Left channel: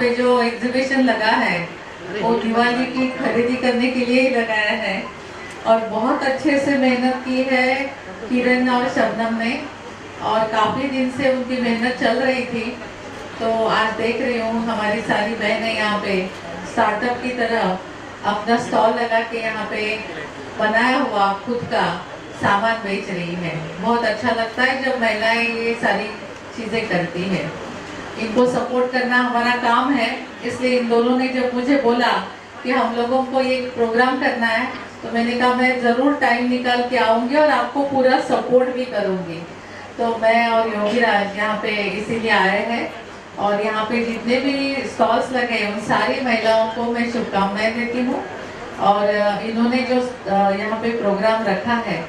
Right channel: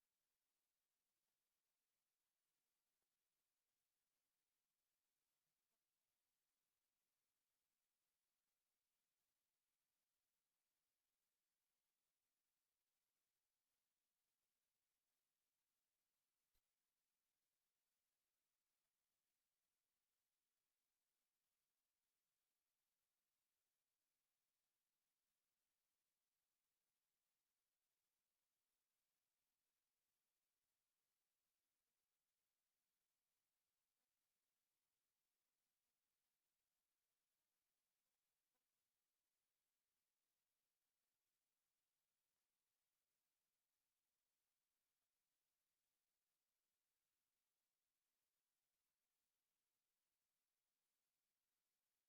पे जो एग्जीबिशन लगा है वो दिवाली की खरीदी करने के लिए ही लगाया है और बहुत अच्छे से मेहनत की है किरण और शबनम ने और काफ़ी दिन से उनकी मेहनत चल रही थी। तो आज देख रही हूँ हमारी सारी बहनें यहाँ पे स्टार्टअप की तरह अपना स्टॉल लगा के यहाँ पे बनाया हुआ खुद का सामान बेच रही है। बहुत अच्छा लगता है जब महिलाएं ये सारी चीज़ें करती है। इनको सपोर्ट करना हमारा काम है, इसलिए इन दोनों ने जब मुझे बोला कि हम लोगों को ये प्रोग्राम करना है तो मैंने कहा मैं ज़रूर टाइम निकाल के आऊँगी और आपको पूरा सपोर्ट भी करूँगी। तो मैं और योगीराज यहाँ पे इसीलिए आए हैं और यहाँ पे जितने भी स्टॉल्स लगे उन सारी महिलाओं को मैं शुभकामनाएं देती हूँ और इन्होंने जो यहाँ पे प्रोग्राम रखा है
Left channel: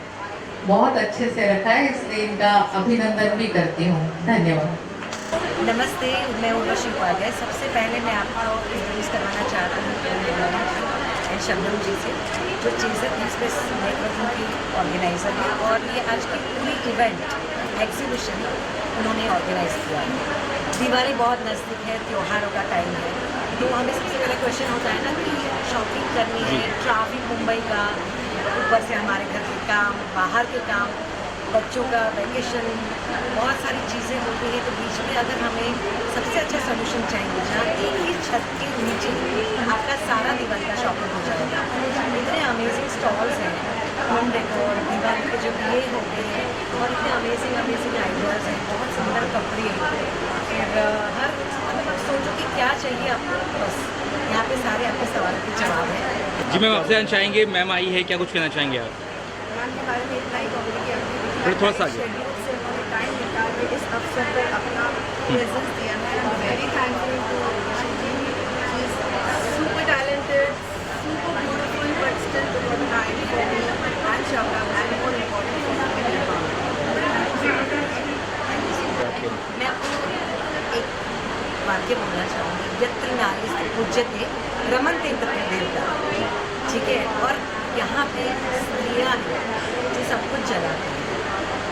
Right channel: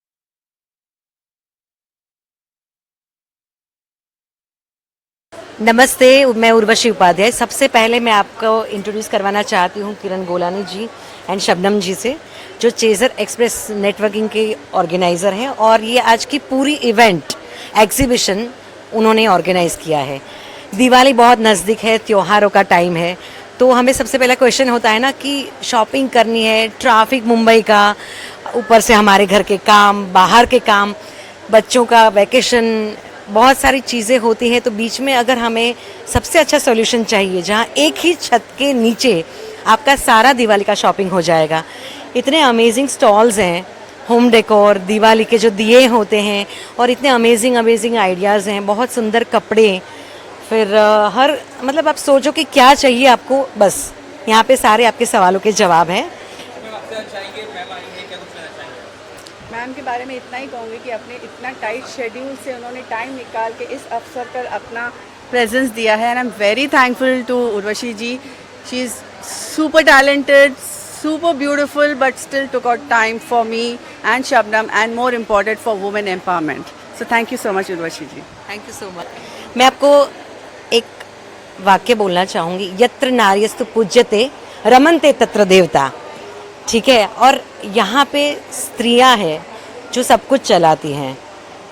बहुत अच्छे से रखा है, इसलिए इनका अभिनंदन भी करती हूँ। धन्यवाद। नमस्ते, मैं उर्वशी उपाध्याय। सबसे पहले मैं आपको इंट्रोड्यूस करवाना चाहती हूँ किरण गोलानी जी एंड शबनम जी से, जो चेज़र एक्सप्रेस नेटवर्किंग के ऑर्गेनाइज़र हैं और ये आज की पूरी इवेंट एग्जीबिशन उन्होंने ऑर्गेनाइज़ किया है। दिवाली बहुत नज़दीक है, त्योहारों का टाइम है, तो हमें सबसे पहला क्वेश्चन होता है ना कि शॉपिंग करनी है, ट्रैफिक मुंबई का, ऊपर से हमारे घर के काम, बाहर के काम, बच्चों का वैकेशन, बहुत सारी चीज़ें होती हैं। तो बीच में अगर हमें सबसे अच्छा सॉल्यूशन चाहिए जहाँ एक ही छत के नीचे आपका सारा दिवाली का शॉपिंग हो जाएगा। इतने अमेजिंग स्टॉल्स हैं, होम डेकोर, दिवाली के जो दिए होते हैं और इतने अमेजिंग आइडियाज़ हैं, बहुत सुंदर कपड़े, फिर हर मतलब आप सोचो कि क्या चाहिए आपको, बस यहाँ पे सारे आपके सवालों के जवाब हैं। जी मैम, आपसे जानना चाहेंगे, मैम आई है, क्या कुछ कहना चाहेंगे आप? मैम के बारे में इतना ही कहूँगी कि अपने इतना टाइट शेड्यूल से उन्होंने टाइम निकाल के इस अवसर पर अपना प्रेजेंस दिया है and I am very thankful to Urvashi ji. She is super talented, super beautiful, but still took out time for me and Shabnam, and more important for women empowerment. So thank you so much Urvashi. Thank you so much. मैं आपको एक वाक्य बोलना चाहूँगी, यत्र नार्यस्तु पूज्यते रमन्ते तत्र देवता। ठीक है, और यहाँ पे स्त्रियाँ हैं जो सब कुछ चलाती हैं,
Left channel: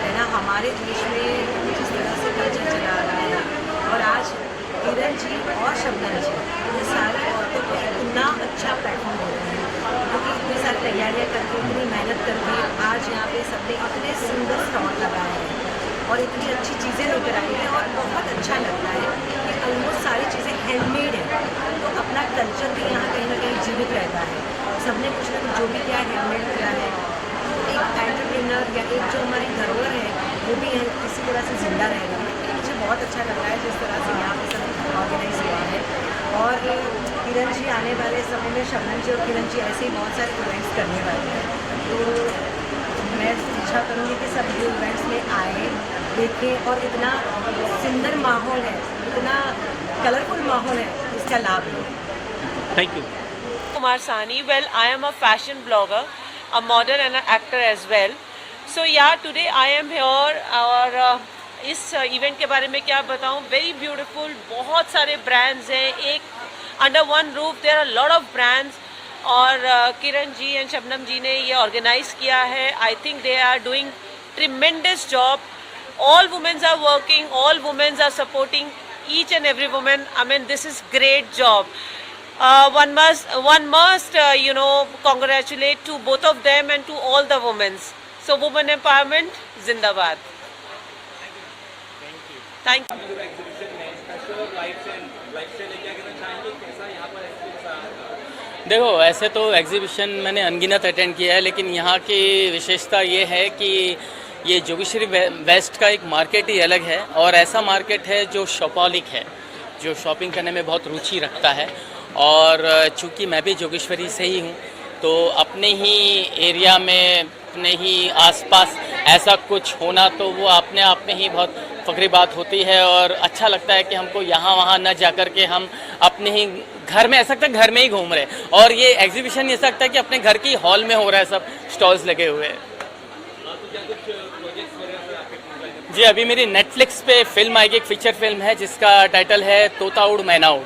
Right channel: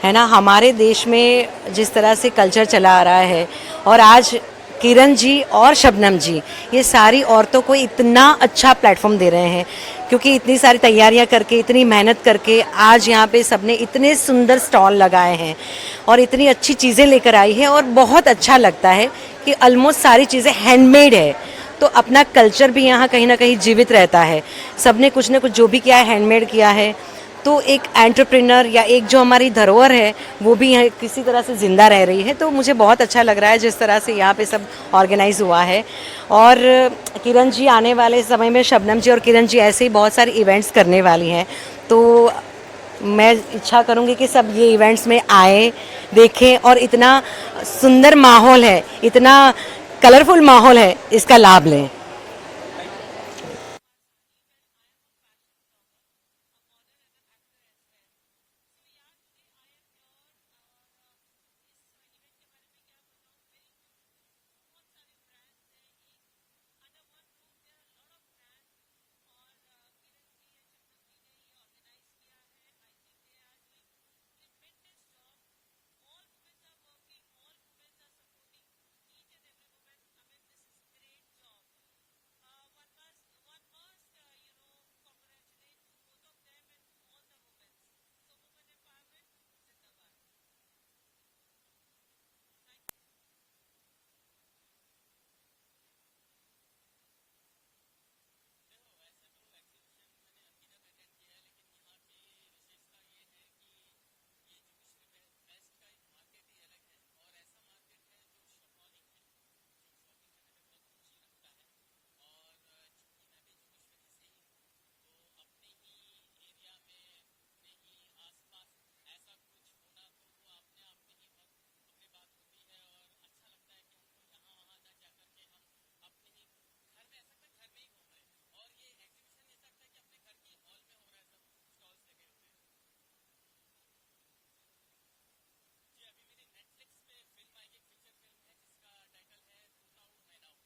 है ना। हमारे देश में जिस तरह से कल्चर चला आ रहा है और आज किरण जी और शबनम जी ये सारी औरतों को इतना अच्छा प्लेटफॉर्म दे रहे हैं, क्योंकि इतनी सारी तैयारियां करके, इतनी मेहनत करके आज यहाँ पे सबने इतने सुंदर स्टॉल लगाए हैं और इतनी अच्छी चीज़ें लेकर आई है। और बहुत अच्छा लगता है कि ऑलमोस्ट सारी चीज़ें हैंडमेड है, तो अपना कल्चर भी यहाँ कहीं ना कहीं जीवित रहता है। सबने कुछ ना कुछ जो भी किया है हैंडमेड किया है, तो एक एंटरप्रेन्योर या एक जो हमारी धरोहर है वो भी यहाँ किसी तरह से ज़िंदा रह रही है। तो मुझे बहुत अच्छा लग रहा है जिस तरह से यहाँ पे सब ऑर्गेनाइज़ हुआ है। और किरण जी आने वाले समय में, शबनम जी और किरण जी ऐसे ही बहुत सारे इवेंट्स करने वाली हैं, तो मैं इच्छा करूँगी कि सब ये इवेंट्स में आए, देखें और इतना सुंदर माहौल है, इतना कलरफुल माहौल है, इसका लाभ लें। Thank you. Kumar Sani. Well, I am a fashion blogger, a model and an actor as well. So yeah, today I am here और इस इवेंट के बारे में क्या बताऊं, वेरी ब्यूटीफुल, बहुत सारे ब्रांड्स हैं एक under one roof, there are lot of brands और किरण जी एंड शबनम जी ने ये ऑर्गेनाइज किया है। I think they are doing tremendous job. All womens are working, all womens are supporting each and every women. I mean this is great job. One must congratulate to both of them and to all the women. So women empowerment, zindabad. Thank you. देखो, ऐसे तो exhibition मैंने अनगिनत attend किया है, लेकिन यहाँ की विशेषता ये है कि ये जोगेश्वरी वेस्ट का एक मार्केट ही अलग है और ऐसा मार्केट है जो शॉपॉलिक है, जो शॉपिंग करने में बहुत रुचि रखता है। और चूँकि मैं भी जोगेश्वरी से ही हूँ, तो अपने ही एरिया में, अपने ही आसपास ऐसा कुछ होना तो वो अपने आप में ही बहुत फ़ख्री बात होती है और अच्छा लगता है कि हमको यहाँ वहाँ न जा कर के हम अपने ही घर में, ऐसा लगता है घर में ही घूम रहे हैं। और ये एग्जीबिशन ऐसा लगता है कि अपने घर की हॉल में हो रहा है, सब स्टॉल्स लगे हुए हैं। जी, अभी मेरी नेटफ्लिक्स पे फिल्म आएगी, एक फीचर फिल्म है जिसका टाइटल है तोता उड़ मैना उड़,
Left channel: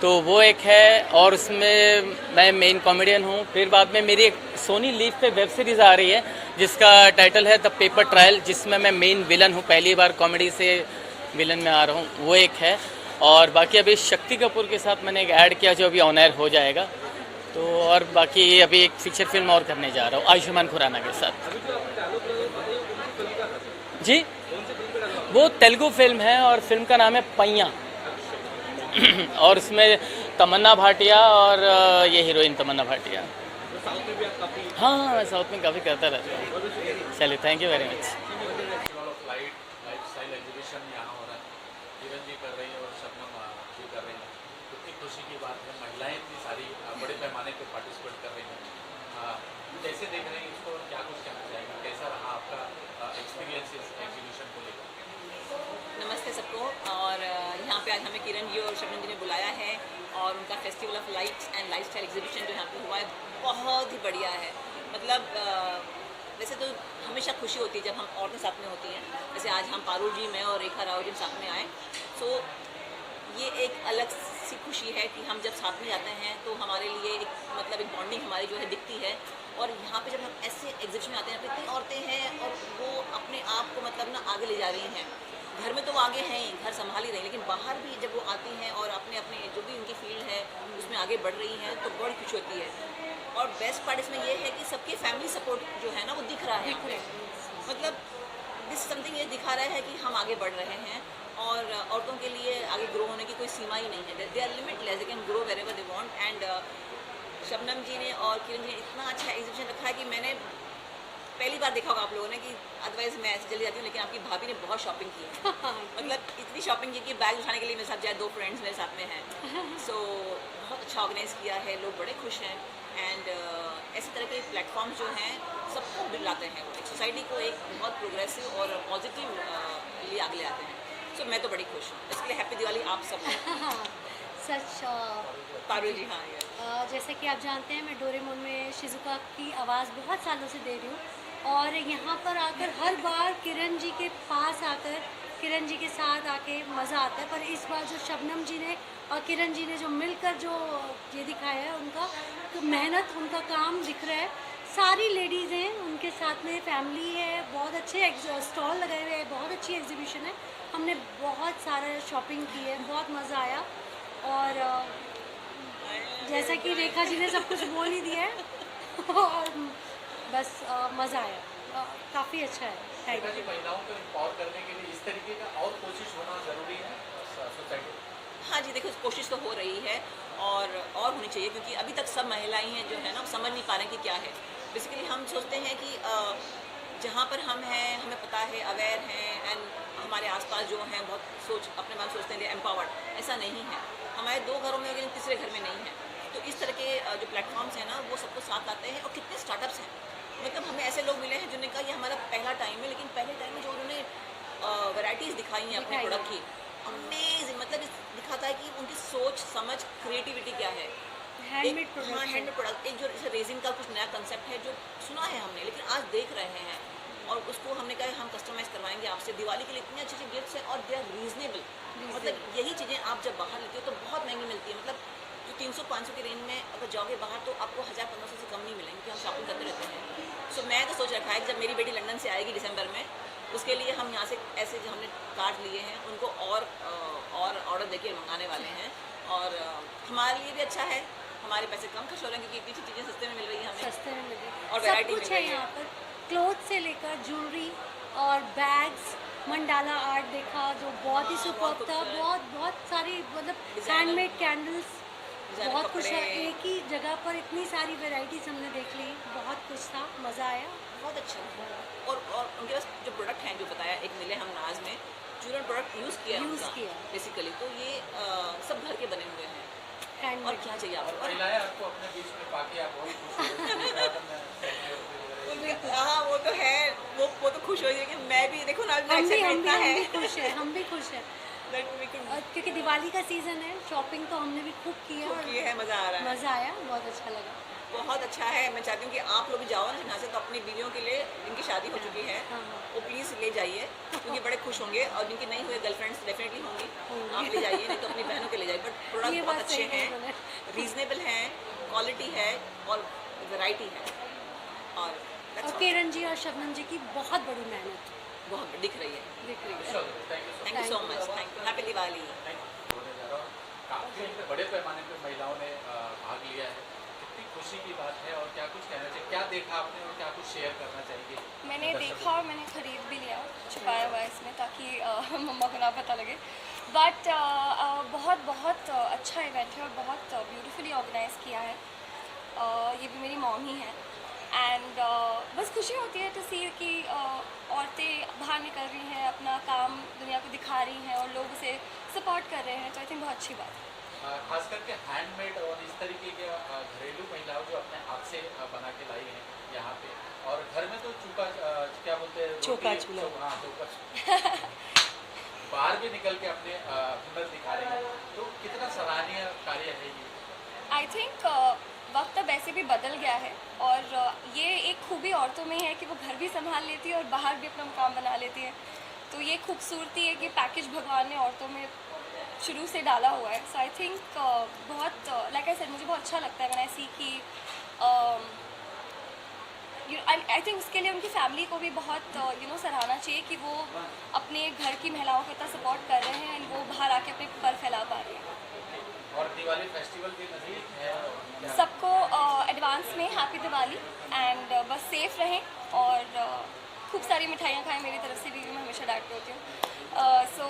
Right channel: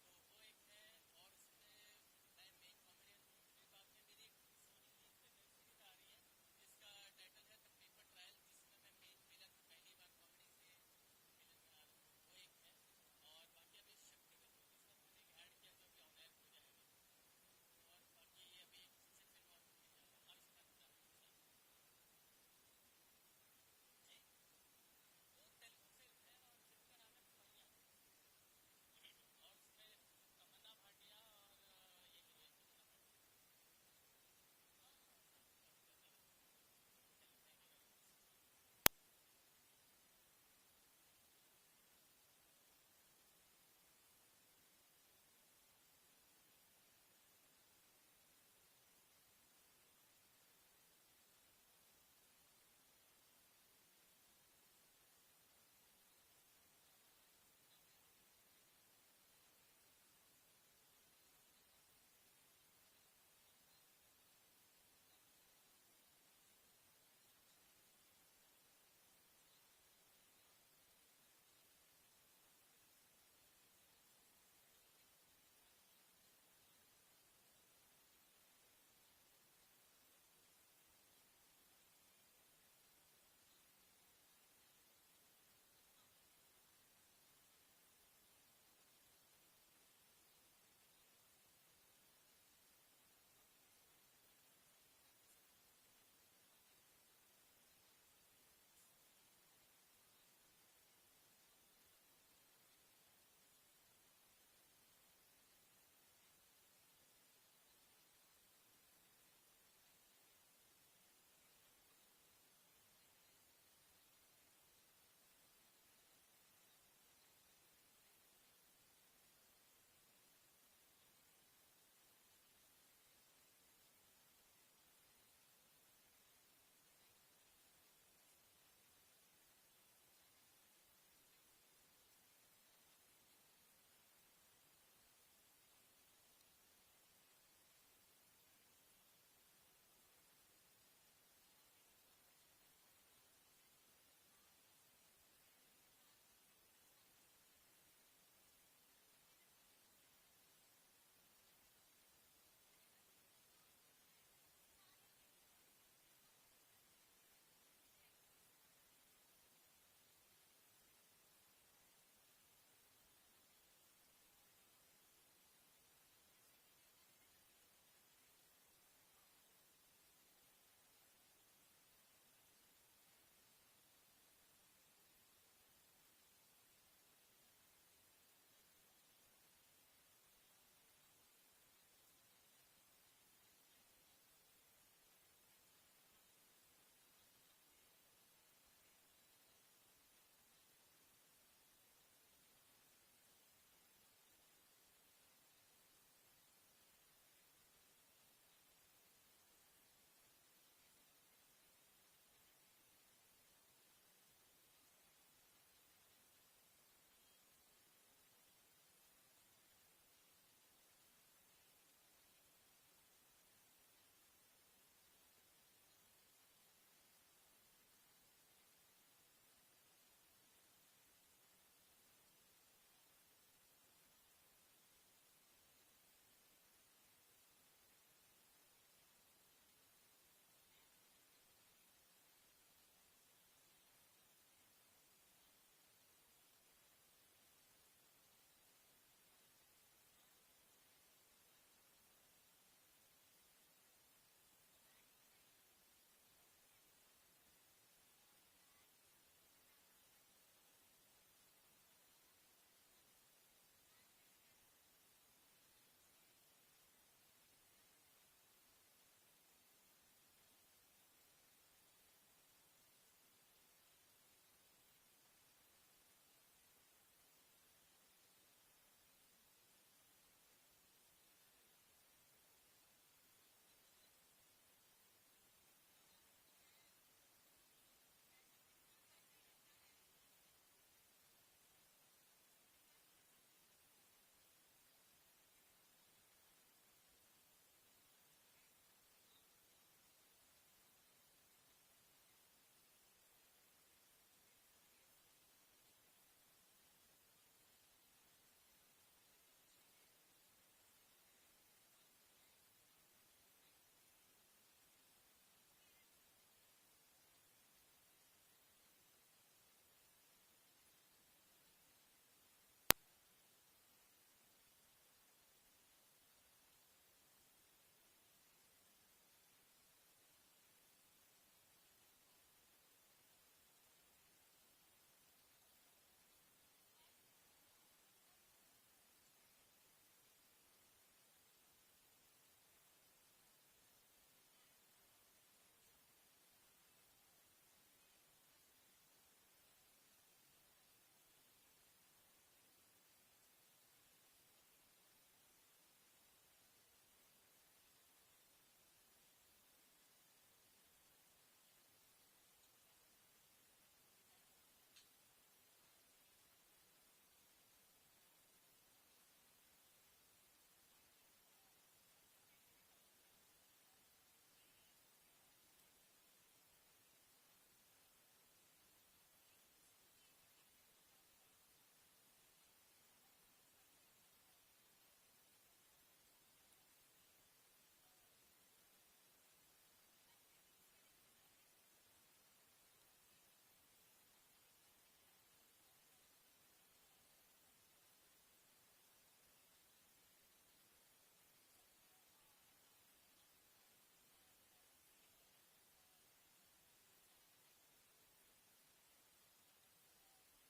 तो वो एक है और उसमें मैं मेन कॉमेडियन हूँ। फिर बाद में मेरी एक सोनी लीव पे वेब सीरीज़ आ रही है जिसका टाइटल है द पेपर ट्रायल, जिसमें मैं मेन विलन हूँ, पहली बार कॉमेडी से विलन में आ रहा हूँ, वो एक है। और बाकी अभी शक्ति कपूर के साथ मैंने एक ऐड किया जो अभी ऑन एयर हो जाएगा। तो और बाकी अभी एक फीचर फिल्म और करने जा रहा हूँ आयुष्मान खुराना के साथ। जी, वो तेलुगु फिल्म है और फिल्म का नाम है पैया और उसमें तमन्ना भाटिया और ये हीरोइन तमन्ना भाटिया। हाँ, मैं साउथ में काफ़ी करता रहता हूँ। चलिए, thank you very much. Lifestyle exhibition यहाँ हो रहा है, किरण जी कर रही है और शबनम जी कर रही है। कितनी खुशी की बात है, महिलाएं इतनी सारी बड़े पैमाने पर पार्टिसिपेट कर रही हैं। कैसे देख रहे हैं इसको और क्या कुछ कहना चाहेंगे, कैसा रहा आपका एक्सपीरियंस इस एग्जीबिशन को लेकर? नमस्ते सबको। और यहाँ पे आज हमें किरण जी और शबनम जी ने बुलाया है और उनका festival of lights and lifestyle exhibition जो यहाँ पे हुआ है बहुत ही बढ़िया है। मतलब वैसे तो हमेशा खुशी होती है जब हम औरतें साथ में होती हैं, जैसे आज हम पारुल जी, मैं और रेखा राव जी साथ में आए। सो ये एक अलग सी खुशी है कि हम जब साथ में जाते हैं तो हमारे लिए एक मतलब एक बॉन्डिंग हमारी जो है दिखती है। और यहाँ पे जब हम ऐसे एग्जीबिशन में आते हैं, इतनी औरतें हैं और वो अपने आप को मतलब ना आगे ले जा रही हैं। घर में तो वो आगे हैं ही, घर संभाल ही रही हैं, लेकिन बाहर भी जब वो आती हैं और अपने अपने जो भी उनकी फील्ड है उसमें आगे बढ़ रही हैं तो बड़ी खुशी होती है। और बेस्ट पार्ट इसमें ये है कि सबके फैमिली सपोर्ट जो है ना वो दिख रहा है। मतलब दिस समथिंग ये दिखा रहा है कि हम आगे बढ़ रहे हैं और औरतों के लिए आगे ग्रो होने की कोई सीमा ही नहीं है। They are limitless, they can grow wherever they want. And Shabnam ji ने और किरण जी ने इतना अच्छा एग्जीबिशन रखा है कि मैंने पहली बार देखा होगा आप लोगों ने, कि अदरवाइज मैं ऐसे चली जाती हूँ, लेकिन आपकी भाभी ने बहुत शॉपिंग की है। मतलब इतनी शॉपिंग की कि बैग उठाने के लिए मेरे साथ जाए, 2 फ्रेंड्स मेरे साथ में हैं। सो बहुत अच्छा ऑर्गेनाइज किया है, लोग बड़े खुश हैं। एंड ऐसे तरह के प्लेटफॉर्म्स जो हैं सबको दिलाते हैं, एक सोसाइटी को एक बहुत प्रोग्रेसिव और पॉजिटिव लिए आगे ले आते हैं। सो मैं तो बड़ी खुश हूँ, इसके लिए हैप्पी दिवाली आप सब। सच पारुल जी, हाँ जैसा कि आप जानते हैं मैं डोरेमोन में शिजुका की आवाज़ बहुत सालों से दे रही हूँ और यहाँ पर आकर हर बार किरण जी के पास आकर किरण जी के साथ आके मज़ा आता है। पर इस बार जो शबनम जी ने और किरण जी ने जो मिलकर जो ये दिखाया है उनका तो मेहनत, उनका काम दिख रहा है। सारी लेडीज़ हैं, उनके साथ में फैमिली है, बहुत अच्छे स्टॉल लगाए हुए हैं, बहुत अच्छी एग्जीबिशन है। हमने बहुत सारा शॉपिंग की है, बहुत मज़ा आया। और जैसा कि रेखा जी ने सब कुछ बोल ही दिया है और बस मज़ा आया, काफ़ी अच्छा है। Thank you. महिलाओं को एम्पावर करने के लिए इस तरीके का और कोशिश होना ज़रूरी है सोसाइटी में। हाँ जी, देखो कोशिश तो हो रही है और होनी चाहिए, क्योंकि अभी तक सब महिलाएं हैं जो है ना समझ नहीं पा रहे कि क्या है। बेसिकली हम सोचते हैं कि जहाँ पर हम हैं हमें पता है, अवेयर हैं, एंड हमारे आसपास जो हैं बहुत सोच अपने बारे में सोचते हैं एम्पावर्ड। ऐसा नहीं है, हमारे 2 घरों में लेकिन तीसरे घर में नहीं है। तो इस तरह के जो प्लेटफॉर्म्स हैं ना वो सबको साथ लाते हैं। और कितने स्टार्टअप्स हैं, मतलब हमें ऐसे लोग मिले हैं जिन्होंने कहा ये हमारा पहला टाइम है, लेकिन पहले टाइम में जो उन्होंने वैराइटीज़ दिखाई हैं अपने प्रोडक्ट की, अमेजिंग। मतलब दिखाता है कि उनकी सोच समझ क्रिएटिविटी क्या है। हैंडमेड हैंडमेड प्रोडक्ट, एक जो जैसे रेजिन का कुछ नया कंसेप्ट है जो सुना है हमने, लेकिन आज देख रहे हैं और उसको हमने कहा हम कस्टमाइज़ करवाएंगे आपसे दिवाली के लिए। इतनी अच्छी अच्छी गिफ्ट्स हैं और दे आर रीजनेबल। मतलब यही चीज़ें आप जब बाहर लेते हो तो बहुत महंगी मिलती है। मतलब जो 300-500 की रेंज में अगर जाओगे बाहर तो आपको 1000-1500 से कम नहीं मिलेंगे, क्योंकि हम शॉपिंग करते रहते हैं। सो मैं तो सोच रखा है कि जब मेरी बेटी लंदन से आएगी दिसंबर में, उसके लिए हम यहाँ से ऐसे जो हमने कार्ड लिए हैं उनको और ऑर्डर देके मंगाने वाले हैं। और हमारे लिए भी अच्छा है, हमारे पैसे कम खर्च हो रहे हैं क्योंकि इतनी चीज़ें सस्ते में मिल रही हैं हमें, सस्ते में मिले और सब वैरायटी कुछ मिल है रही है। यहाँ पर, क्लोथ से लेकर ज्वेलरी और बैग्स, मंडाला आर्ट देखा जो बहुत ही सुपर था। खूबसूरत। बहुत सारी मतलब Designer- हैंडमेड कैंडल्स, डिज़ाइनर बहुत कुछ है। कपड़े। एक ही जगह पर इतनी सारी वैरायटीज हमने देख ली, बहुत कुछ था, मज़ा आया। बहुत अच्छा। और उनके पास जो प्रोडक्ट हैं जो बताया, एक मिले हम नाज में जो प्रोडक्ट यूज़ किया बेसिकली, तो ये सब घर के बने हुए हैं। और हैंडमेड क्या चाहिए आपको? महिलाएं आपको अपने बीच में पाके आप बहुत खुश हो। हाँ वो तो है, वो तो खुश हो रही है कि मैं भी देखो ना, हम भी खुश हैं, हम भी खुश हैं। That we could- और क्योंकि दिवाली का सीज़न है, शॉपिंग तो हमने भी खूब की है और ये है, मज़ा आ रहा है, मज़ा आया, बहुत अच्छा लगा। बहुत अच्छा है। मैं चाहती हूँ कि आप लोग भी जाओ ना यहाँ से, तो अपनी बीवियों के लिए, जिनकी शादी हो चुकी है हाँ। वो प्लीज़ ले जाइए, क्योंकि बड़े खुश होंगे। और जिनकी नहीं हुई गर्लफ्रेंड्स डेफिनेटली होंगी, आप ले जाइए, नहीं तो अपनी बहनों के ले जाइए। बट ये प्रोडक्ट बात बहुत अच्छे सही कही हैं, उन्होंने। रीजनेबल हैं, क्वालिटी है और वैरायटी है। और that's और all। किरण जी और शबनम जी की बहुत बड़ी मेहनत बहुत दिख रही है। दिख रही है। Thank you so much, thank you, happy Diwali. काफ़ी बड़े पैमाने पर महिलाओं ने भाग लिया है, कितनी खुशी की बात है और क्या कुछ कहना चाहिए, क्या देखा आपने और क्या कुछ शेयर करना चाहिए? मैंने देखा और मैंने ख़रीद भी लिया, छुपाया हुआ है इसमें ताकि मम्मा को ना पता लगे। बट बहुत बहुत अच्छा इवेंट है और बहुत ब्यूटीफुली ऑर्गेनाइज़ किया है। ये भी मेरी मॉम ही है एंड बस खुशी होती है टू सी कि औरतें बाहर निकल रही हैं, अपना काम दुनिया को दिखा रही हैं और लोग उसे सपोर्ट कर रहे हैं, तो आई थिंक बहुत अच्छी बात है। खास करके हैंडमेड और इस तरीके के घरेलू महिलाओं जो अपने हाथ से बना के लाई हैं यहाँ पे, और घर में तो चूका क्या बोलते हैं, चौका रोटी- चूल्हा। हाँ चौका बाहर भी निकल के अपने हुनर दिखा रहे हैं, तो कितना सराहनीय कार्य है ये। आई थिंक वक्त अब ऐसे भी बदल गया है और ये एक खूबी औरतों में है कि वो घर भी संभाल लेती है और बाहर भी अपना मुकाम बना लेती है। तो ये खूबसूरती है कि पैकेज भगवान ने औरतों में शुरू से डाला हुआ है। सो आई थिंक बहुत लाइक आई सेड, मुझे बहुत अच्छा लगता है मैंने सी कि आई थिंक उसके लिए उनकी फैमिली को भी बहुत सराहना चाहिए कि वो अपने घर की महिलाओं को इतना सपोर्ट कर रहे हैं एंड वो बाहर आके अपने पर फैला पा रहे हैं। और दिवाली फेस्टिवल भी नज़दीक है और सबको एडवांस में हैप्पी दिवाली एंड बस सेफ रहें और खूब सारी मिठाइयाँ खाएं मेरी तरफ से भी, मैं हमेशा डांटती होती हूँ। So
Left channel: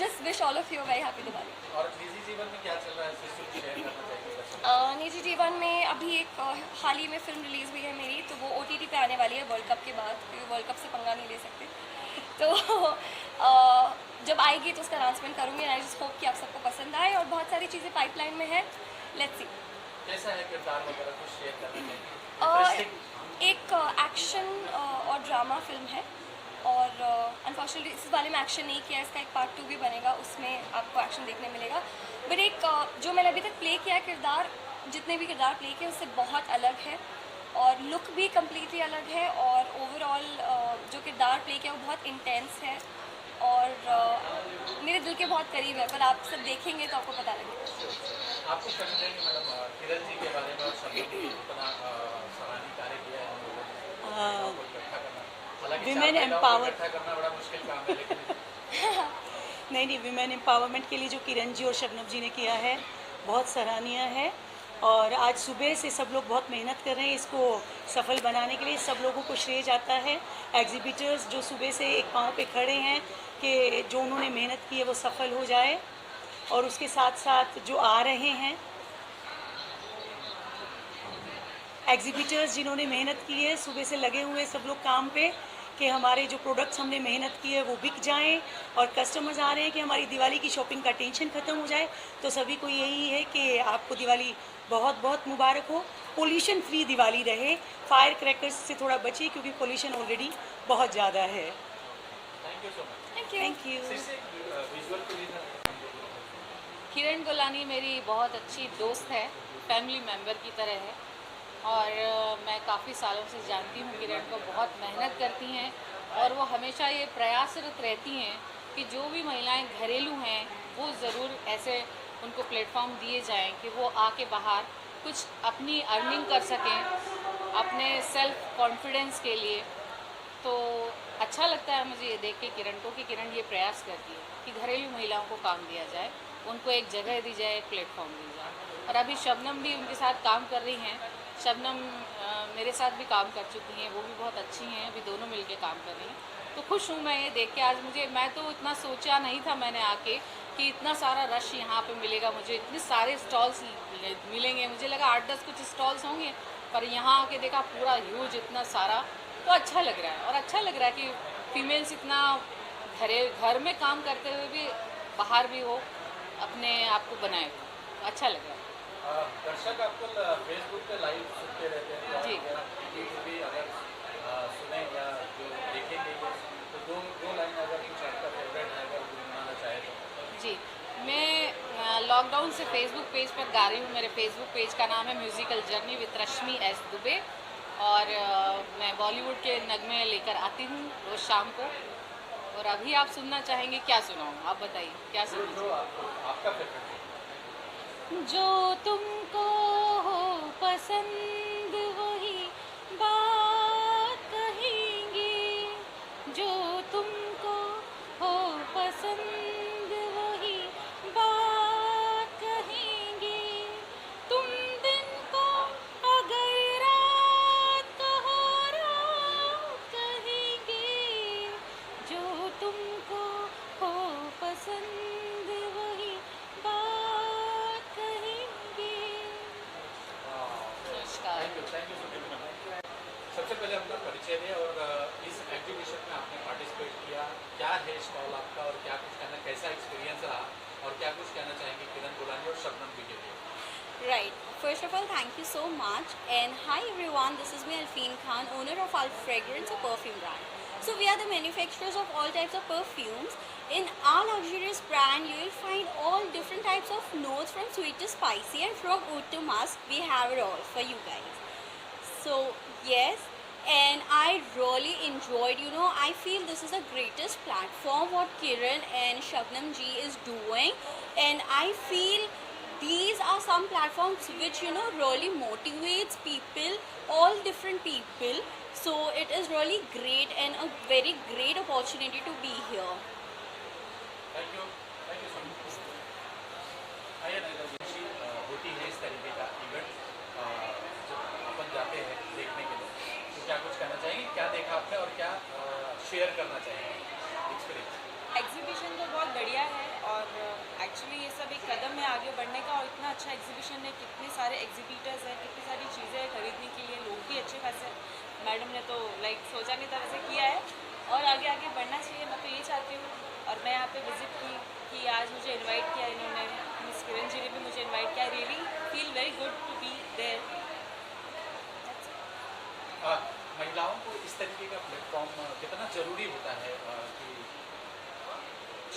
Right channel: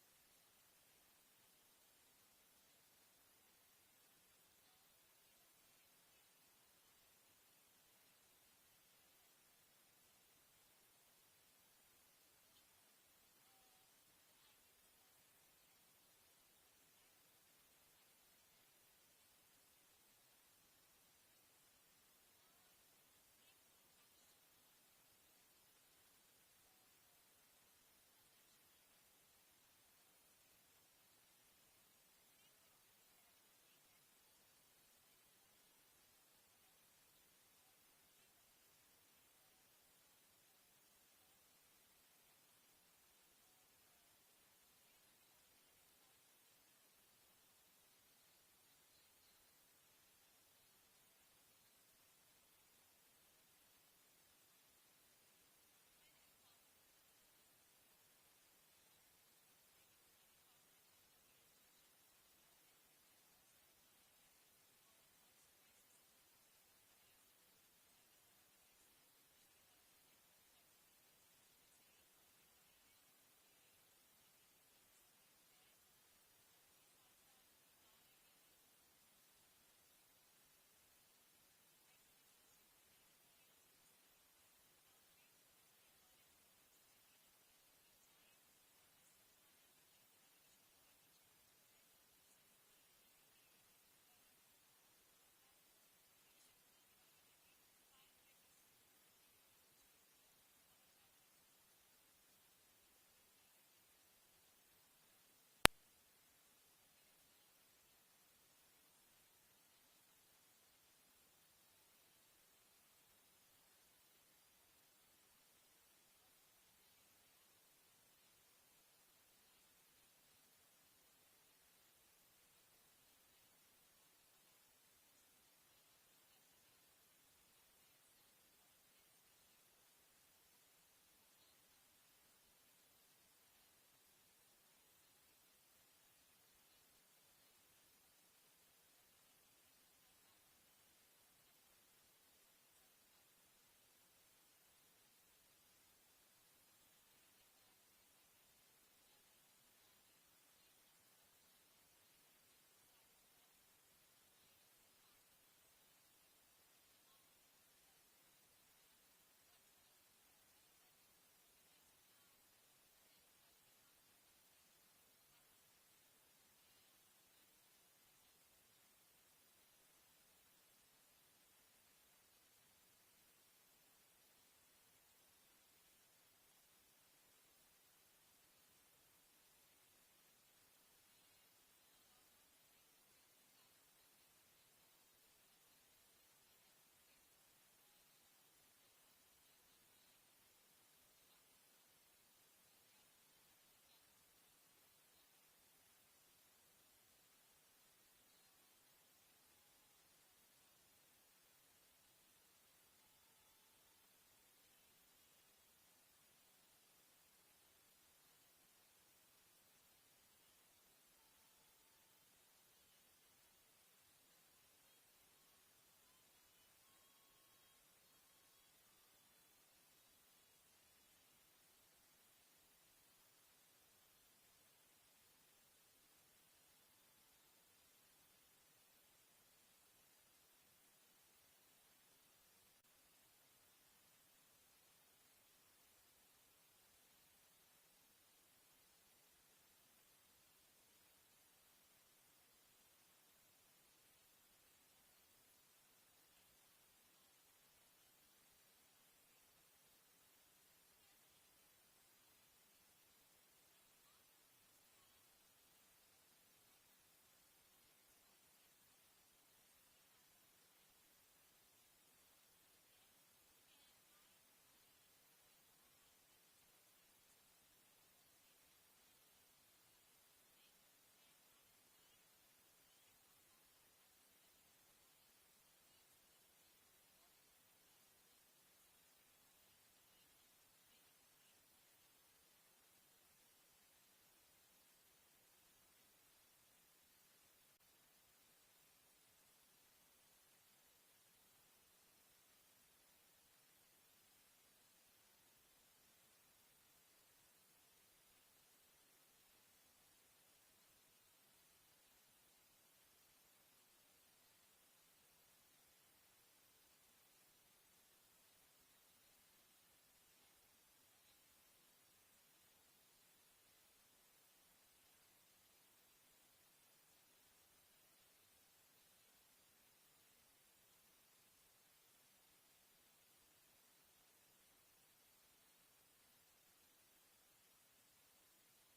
just wish all of you very happy Diwali. और निजी जीवन में क्या चल रहा है, सिर्फ शेयर करना चाहिए? निजी जीवन में अभी एक हाल ही में फिल्म रिलीज़ हुई है मेरी, तो वो OTT पे आने वाली है वर्ल्ड कप के बाद, क्योंकि वर्ल्ड कप से पंगा नहीं ले सकते। तो जब आएगी तो उसका अनाउंसमेंट करूँगी एंड आई जस्ट होप कि आप सबको पसंद आए, और बहुत सारी चीज़ें पाइपलाइन में है, लेट्स सी। कैसा है किरदार वगैरह, कुछ शेयर करना चाहिए? एक एक्शन और ड्रामा फिल्म है और अनफॉर्चुनेटली इस वाले में एक्शन नहीं किया, इसका एक पार्ट 2 भी बनेगा, उसमें आपको एक्शन देखने मिलेगा। बट एक जो मैंने अभी तक प्ले किया किरदार, जितने भी किरदार प्ले किए उससे बहुत अलग है और लुक भी कम्प्लीटली अलग है, और ओवरऑल जो किरदार प्ले किया वो बहुत इंटेंस है और मेरे दिल के बहुत करीब है, पर आप सब देखेंगे तो आपको पता लगेगा। आपको कहना चाहिए मैडम किरण जी के बारे में, और सभी इतना सराहनीय कार्य किया है हम लोगों ने, आपको इकट्ठा करना, हालांकि Women चार महिलाओं को empower- इकट्ठा करना बड़ा मुश्किल काम है, लेकिन नहीं, विमेन एम्पावरमेंट के लिए जो किरण जी और शबनम जी ने किया है बहुत सराहनीय है, और आज सुबह से सब लोग बहुत मेहनत कर रहे हैं इसको सफल बनाने के लिए, सब लोगों को श्रेय जाता है। एग्जीबिटर्स जो सुबह से एक पाँव पे खड़े हैं कि जो उन्होंने मेहनत की है वो सफल हो जाए, और उसके साथ साथ जो आ रहे हैं एग्जीबिटर्स जिन्होंने मेहनत की है, सुबह से लगे हुए सब लोग काम पे कि हमारे जो प्रोडक्ट्स हमने मेहनत की है वो बिक जाएं, और कस्टमर्स आ रहे हैं कि हमारी दिवाली की शॉपिंग का टेंशन ख़त्म हो जाए। तो सभी को यही है कि आपको दिवाली बहुत बहुत मुबारक हो, पोल्यूशन फ्री दिवाली रहे, फायर क्रैकर्स से थोड़ा बचिए क्योंकि पोल्यूशन ऑलरेडी बहुत ज़्यादा है। Thank you so much. Thank you. Visual के लिए किरण गोलानी मेरी बहुत अच्छी दोस्त है, फैमिली मेम्बर की तरह है, और मैं काफ़ी सालों से जानती हूँ किरण को, बहुत मेहनत करती हैं और वो हमेशा ये प्रयासरत रहती हैं कि जो भी महिलाएं घरेलू हैं वो ज़रूर ऐसे उनको प्लेटफॉर्म दिए जाएं कि वो आके बाहर कुछ अपनी अर्निंग कर सकें अपने सेल्फ कॉन्फिडेंस के लिए। तो अच्छा लगता है मुझे ये देख के किरण को कि किरण ये प्रयास करती है कि घरेलू महिलाओं को काम दिया जाए, उनको एक जगह दी जाए, एक प्लेटफॉर्म दी जाए। और अभी शबनम भी उनके साथ काम कर रही हैं, शबनम मेरे साथ भी काम कर चुकी हैं, वो भी बहुत अच्छी हैं, अभी दोनों मिलके काम कर रही हैं। तो खुश हूँ मैं ये देख के। आज मैं तो इतना सोचा नहीं था मैंने आके कि इतना सारा रश यहाँ पे मिलेगा, मुझे इतने सारे स्टॉल्स मिलेंगे, मुझे लगा 8-10 कुछ स्टॉल्स होंगे, पर यहाँ आके देखा पूरा ह्यूज इतना सारा, तो अच्छा लग रहा है। और अच्छा लग रहा है कि फीमेल्स इतना घर में काम करते हुए भी बाहर भी हो अपने आप को बनाए हो, तो अच्छा लग रहा है। दर्शक आपको फेसबुक पे लाइव सुनते रहते हैं, जी। अगर आप यूट्यूब भी अगर सुने या जो देखेंगे तो दो लाइन अगर कुछ आपका फेवरेट है अगर गुनगुनाना चाहे तो। जी, मैं लॉकडाउन से फेसबुक पेज पर गा रही हूँ। मेरे फेसबुक पेज का नाम है musical journey with Rashmi S Dubey, और मैं बॉलीवुड के नगमे लेकर आती हूँ रोज़ शाम को। और अभी आप सुनना चाहेंगे, क्या सुनाऊँ आप बताइए, क्या सुनना जो आपका फेवरेट जो तुमको हो पसंद वही बात कहेंगे, जो तुमको हो पसंद वही बात कहेंगे। And hi everyone, this is me Alfeen Khan, owner of our fragrance or perfume brand. So we are the manufacturers of all types of perfumes. In our luxurious brand, you will find all different types of notes from sweet to spicy, and from oud to musk. We have it all for you guys. So yes, and I really enjoyed, I feel this is the greatest platform what Kiran and Shabnam ji is doing, and I feel these are some platforms which really motivates people, all different people. So it is really great and a very great opportunity to be here. Thank you so much. आइए ना खुशी होती है इस तरीके का event जब अपन जाते हैं देखने के लिए, तो क्या कुछ कहना चाहेंगे, क्या देखा आपने और क्या शेयर करना चाहेंगे एक्सपीरियंस? एग्जीबिशन तो बहुत बढ़िया है, और एक्चुअली ये सब एक कदम है आगे बढ़ने का, और इतना अच्छा एग्जीबिशन है, कितने सारे एग्जीबिटर्स हैं, कितनी सारी चीज़ें हैं खरीदने के लिए, लोग भी अच्छे खासे। मैडम ने तो सोचा नहीं था वैसे किया है, और आगे आगे बढ़ना चाहिए। मैं तो ये चाहती हूँ, और मैं यहाँ पे विज़िट की कि आज मुझे इनवाइट किया इन्होंने, मिस किरण जी ने भी मुझे इनवाइट किया। Really feel very good to be there. महिलाओं को इस तरीके का प्लेटफॉर्म कितना ज़रूरी होता है कि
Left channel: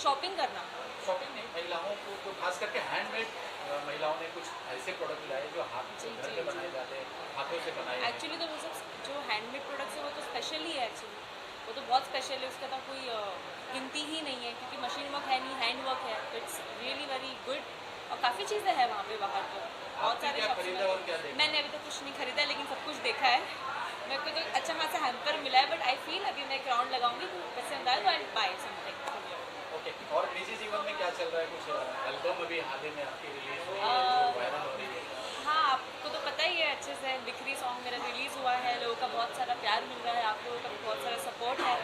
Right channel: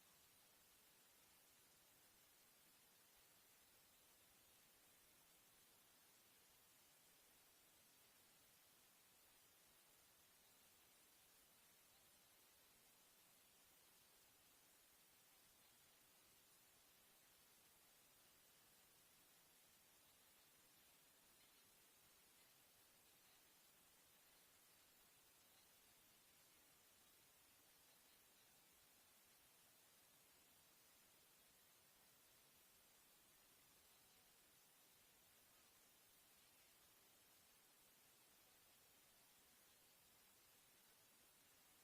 शॉपिंग करना? शॉपिंग नहीं, महिलाओं को तो खास करके हैंडमेड महिलाओं ने कुछ ऐसे प्रोडक्ट लाए जो हाथ से घर पे बनाए जाते हैं, हाथों से बनाए। एक्चुअली तो वो सब जो हैंडमेड प्रोडक्ट्स है वो तो स्पेशल ही है, एक्चुअली वो तो बहुत स्पेशल है, उसका तो कोई गिनती ही नहीं है, क्योंकि मशीन वर्क है नहीं, हैंड वर्क है। इट्स रियली वेरी गुड, और काफ़ी चीज़ें हैं वहाँ पे बाहर तो बहुत सारे शॉप्स। मैंने अभी तक कुछ नहीं खरीदा, लेकिन सब कुछ देखा है। मेरे को तो अच्छा खासा हैम्पर मिला है, बट आई फील अभी मैं एक राउंड लगाऊंगी तो पसंद आए तो आई बाय समथिंग। ओके, और निजी जीवन में क्या चल रहा है? कुछ एल्बम अभी हाल ही में आपकी रिलीज हुई है जो वायरल हो रही है? हाँ, आपको तो पता ही है अच्छे से, बिखरी सॉन्ग मेरा रिलीज़ हुआ है, लोगों का बहुत सारा प्यार मिल रहा है, आप लोगों का भी बहुत सारा सपोर्ट है।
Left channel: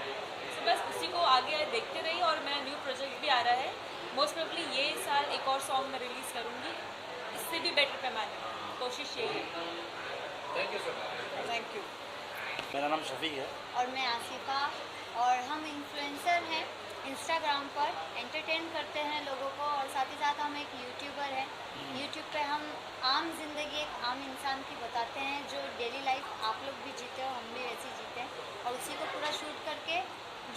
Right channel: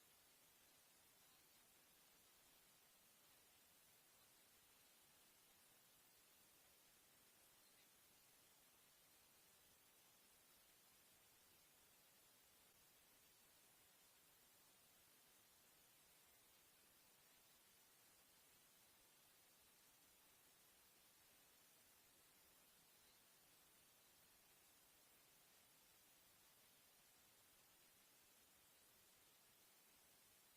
तो बस उसी को आगे देखते रहिए, और मेरा न्यू प्रोजेक्ट भी आ रहा है। मोस्ट प्रोबेबली ये साल एक और सॉन्ग मैं रिलीज़ करूँगी, इससे भी बेटर पैमाने में, कोशिश यही है। Thank you so much. Thank you. मेरा नाम शफीक है। और मैं आसिफा, और हम इन्फ्लुएंसर हैं, इंस्टाग्राम पर एंटरटेन करते हैं लोगों को, और साथ ही साथ हम एक यूट्यूबर हैं। यूट्यूब पे हम आम जिंदगी एक आम इंसान की बताते हैं, जो डेली लाइफ आप लोग भी जीते हो, हम भी वैसे जीते हैं, और उसी को पूरा शूट करके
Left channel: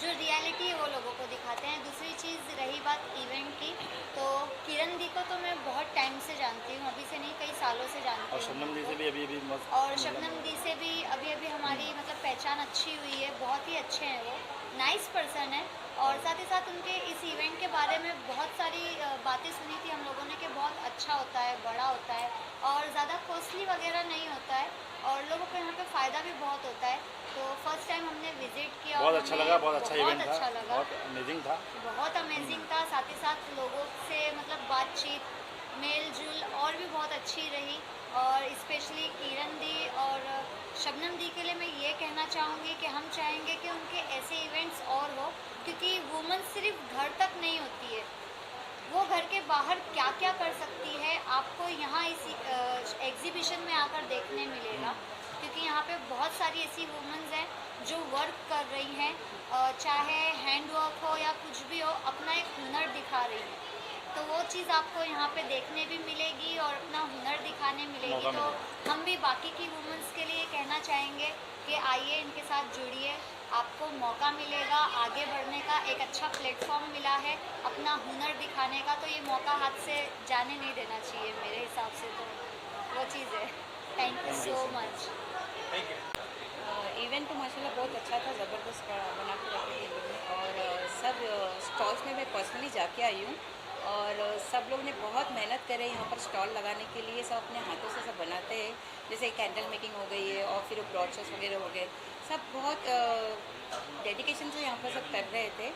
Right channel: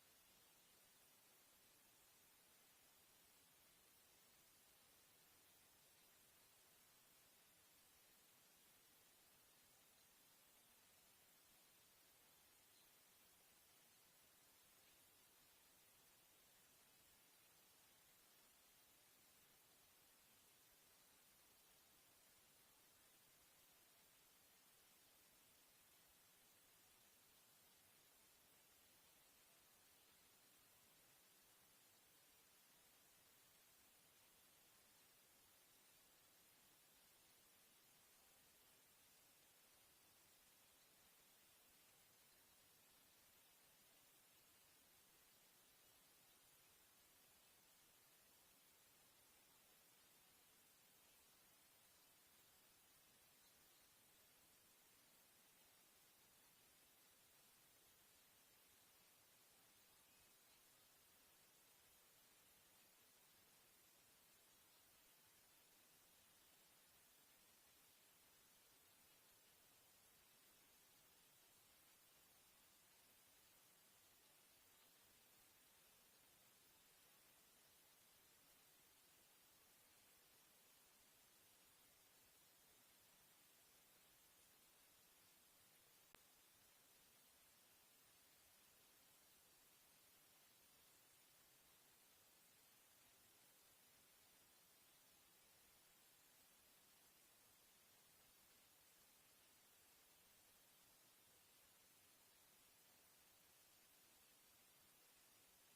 जो रियलिटी है वो लोगों को दिखाते हैं। दूसरी चीज़ रही बात इवेंट की, तो किरण दी को तो मैं बहुत टाइम से जानती हूँ, अभी से नहीं कई सालों से जानती हूँ। और शबनम दी से भी अभी और शबनम दी से भी अभी हमारी मतलब पहचान अच्छी हुई है, बहुत ही अच्छे हैं वो, नाइस पर्सन है। और साथ ही साथ उनके इस इवेंट के बारे में बहुत सारी बातें सुनी थी हम लोगों ने कि बहुत अच्छा होता है, बड़ा होता है, और ज़्यादा कॉस्टली वगैरह नहीं होता है, और लोगों को यहाँ पे फ़ायदा भी बहुत होता है। तो फर्स्ट टाइम हमने विज़िट किया, बहुत अच्छा लगा, बहुत अच्छा इवेंट था, बहुत अमेजिंग था, बहुत अमेजिंग था। साथ ही साथ लोगों से मतलब बातचीत, मेल जुल और भी बहुत अच्छी रही। और स्पेशली किरण दी और शबनम दी के लिए मैं ये कहना चाहूँगी कि हम चाहेंगे कि उनके ऐसे इवेंट्स और हो, क्योंकि वुमन सिर्फ घर तक नहीं होती है, वो घर के बाहर क्या क्या कर सकती है आपको यहाँ इस एग्जीबिशन में आकर देखने मिलेगा। क्योंकि यहाँ पे बहुत सारी ऐसी वुमेन्स हैं जो वर्क कर रही हैं, चाहे हैंड वर्क हो या कुछ भी हो, अपना एक हुनर दिखा रही हैं। तो वो चीज़ आपको यहाँ पे देखने भी मिलेगी और अपना हुनर दिखाने मिलेगी। तो हम भी बाकी की वुमेन्स के लिए कहना चाहेंगे कि आइए, इनके साथ जुड़िए, आपको मौका मिलेगा आगे बढ़ने का, एक अच्छा प्लेटफॉर्म मिला है अपना हुनर दिखाने का, तो ये मौका हाथ से जाने नहीं देना चाहिए मेरे हिसाब से। तो वो चीज़ है। Thank you so much. Thank you. Event तो माशाल्लाह बहुत अच्छा था, ज़बरदस्त बना के रखे थे, और सब स्टॉल्स में मैं पर्सनली जाके आई हूँ, और सब लोग ने बहुत मेहनत करे यहाँ पर स्टॉल लगाने के लिए। सब अपने हाथों से सब बनाते हैं, जैसे कैंडल मेकिंग हो गई है, और फिर ब्रॉचर्स वगैरह हो गए, सब बहुत डेडिकेशन से यहाँ पर सब कर रहे थे।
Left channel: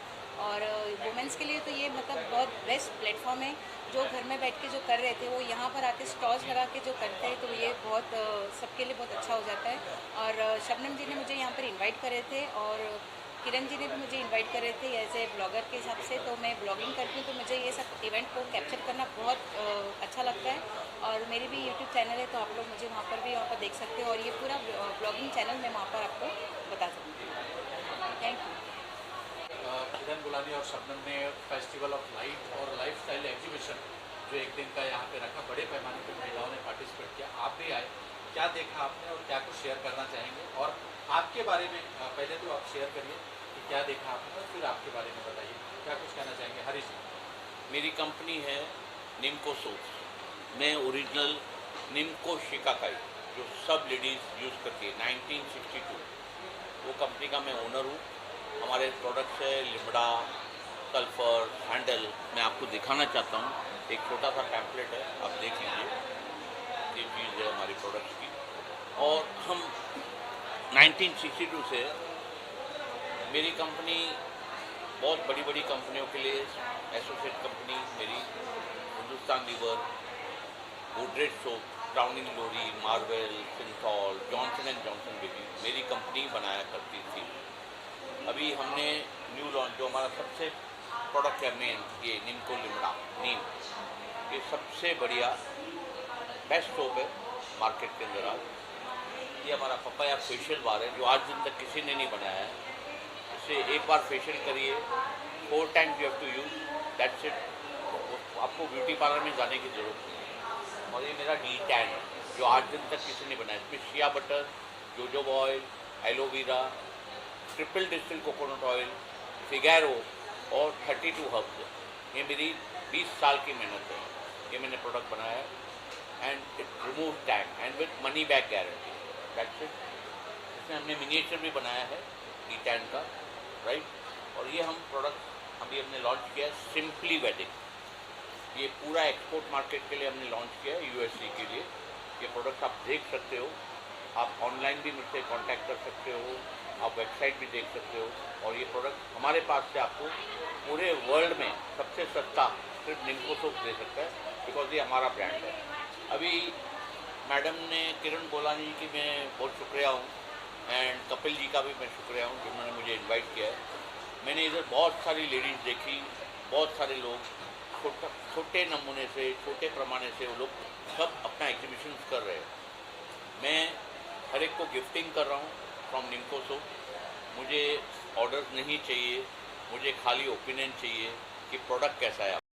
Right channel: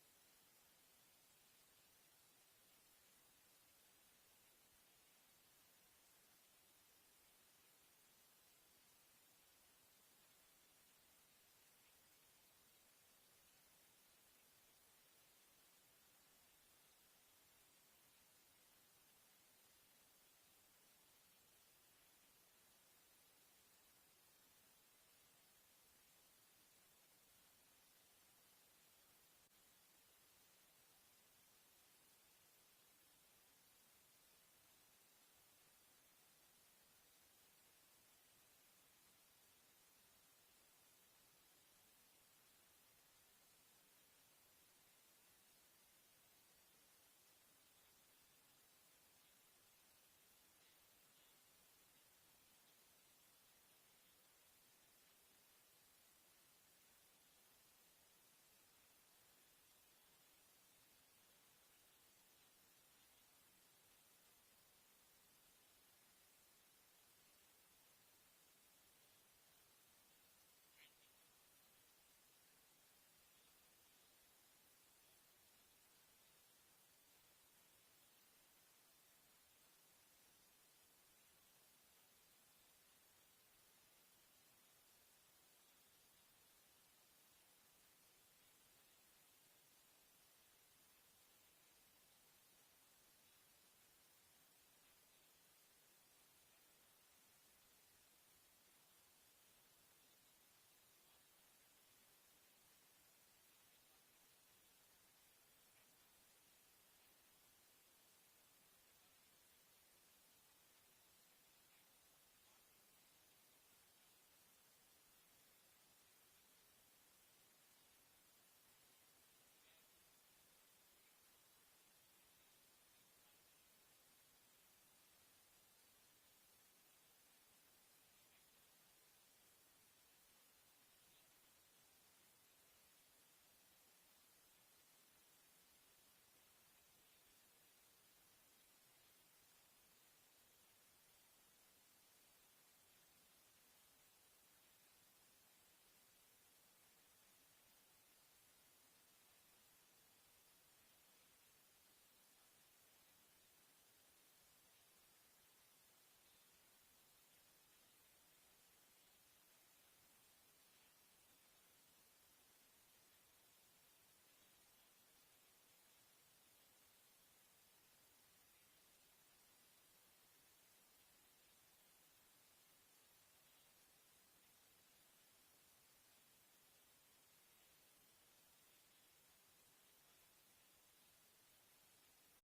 और वुमेंस के लिए तो ये मतलब बहुत बेस्ट प्लेटफॉर्म है, जो घर में बैठ के जो कर रहे थे वो यहाँ पर आके स्टॉल्स लगा के जो करते हैं, तो ये बहुत सबके लिए बहुत अच्छा हो जाता है। और शबनम जी ने मुझे यहाँ पर इनवाइट करे थे, और किरण जी ने भी मुझे इनवाइट करे थे एज ए ब्लॉगर के हिसाब से। तो मैं ब्लॉगिंग करती हूँ, तो मुझे ये सब इवेंट को कैप्चर करना बहुत अच्छा लगता है। और मेरी भी यूट्यूब चैनल है, तो आप लोग मुझे वहाँ पर देख सकते हो, और ये पूरा ब्लॉगिंग चैनल मैं वहाँ पर आपको बता सकती हूँ। Thank you. किरण गुलानी और शबनम ने फेस्टिवल ऑफ लाइट और लाइफस्टाइल एग्जीबिशन जो एक दिन का यहाँ पे रखा, बड़े पैमाने पर महिलाओं ने पार्टिसिपेट किया, आप भी आए, क्या देखा आपने और क्या कुछ शेयर करना चाहेंगे? और आपके बारे में पहले तो आप शेयर करिए कि क्या देखा आपने और फिर आपके बारे में बताइए क्या कुछ कहना चाहेंगे। हरीश जी। मेरी कंपनी है निम्को सोप्स। मैं ओरिजिनल निम्को शिकाकाई जो सब लेडीज़ यूज़ करती है 1962 वो कंपनी का मैं ओनर हूँ। हमारे प्रोडक्ट्स है लिमड़ा, सल्फर, सैंडल। मैं आपको दिखाना चाहता हूँ, एक छोटा सा पैम्पलेट है, आप देख लीजिए। ये चीज़ है हमारी प्रोडक्ट्स की। और हम 1962 से मेरी कंपनी बहुत बड़ी बड़ी कंपनियों के लिए एसोसिएट कंपनी मेरी Hindustan Lever, Godrej soap, crowning glory, marvel, Cinthol, Johnson and Johnson baby मेरी कंपनी बनाया करती थी। अभी हमने न्यू लॉन्च जो हमारा सबसे प्रोडक्ट है मेन, ये निम्को लिमड़ा नीम, ये सबसे बढ़िया बेस्ट सोप है मार्केट के अंदर आज। ये हमारा पपाया फेशियल बार है जो आज दिन तक किसी ने नहीं बनाया है। इससे एक बार फेशियल करिए, 4 times you have to use, that's it. आपको ब्यूटी पार्लर में जाने की ज़रूरत नहीं है। और ये मेरा डी टैन है जो आज दिन तक किसी ने बनाया। इसमें shea butter, jojoba oil, aloe vera, triple distil coconut oil, Figaro और 32 हर्ब्स है। ये मेरी 20 साल की मेहनत है, ये मैंने प्रोडक्ट बनाया है। And it remove tag and with money back guarantee, that's it. इसमें हमने मिनिएचर भी बनाया है डी टैन का, राइट। और ये हम प्रोडक्ट अभी हमने लॉन्च किया है सिंपली वेडिंग। ये पूरा एक्सपोर्ट मार्केट के लिए हमने लॉन्च किया है, यूएसए के लिए। ये प्रोडक्ट आप देख सकते हो, आप ऑनलाइन भी मुझसे कांटेक्ट कर सकते हो, आप वेबसाइट भी देख सकते हो। और ये प्रोडक्ट हमारे पास से आपको पूरे वर्ल्ड में सबसे सस्ता सिर्फ निम्को सोप दे सकता है, बिकॉज ये हमारा ब्रांड है। अभी मैडम ने किरण गोलानी जी की मैं बहुत शुक्रिया हूँ, एंड कपिल जी का भी मैं शुक्रिया हूँ जिन्होंने मुझे इनवाइट किया है। मैंने इधर बहुत सारी लेडीज़ देखी, बहुत सारे लोग छोटे नमूने से, छोटे पैमाने से वो लोग सब अपना एग्जीबिशन कर रहे हैं। मैं हर एक को गिफ्टिंग कर रहा हूँ फ्रॉम निम्को सोप। मुझे ऑर्डर्स नहीं चाहिए, मुझे खाली ओपिनियन चाहिए कि प्रोडक्ट कैसा है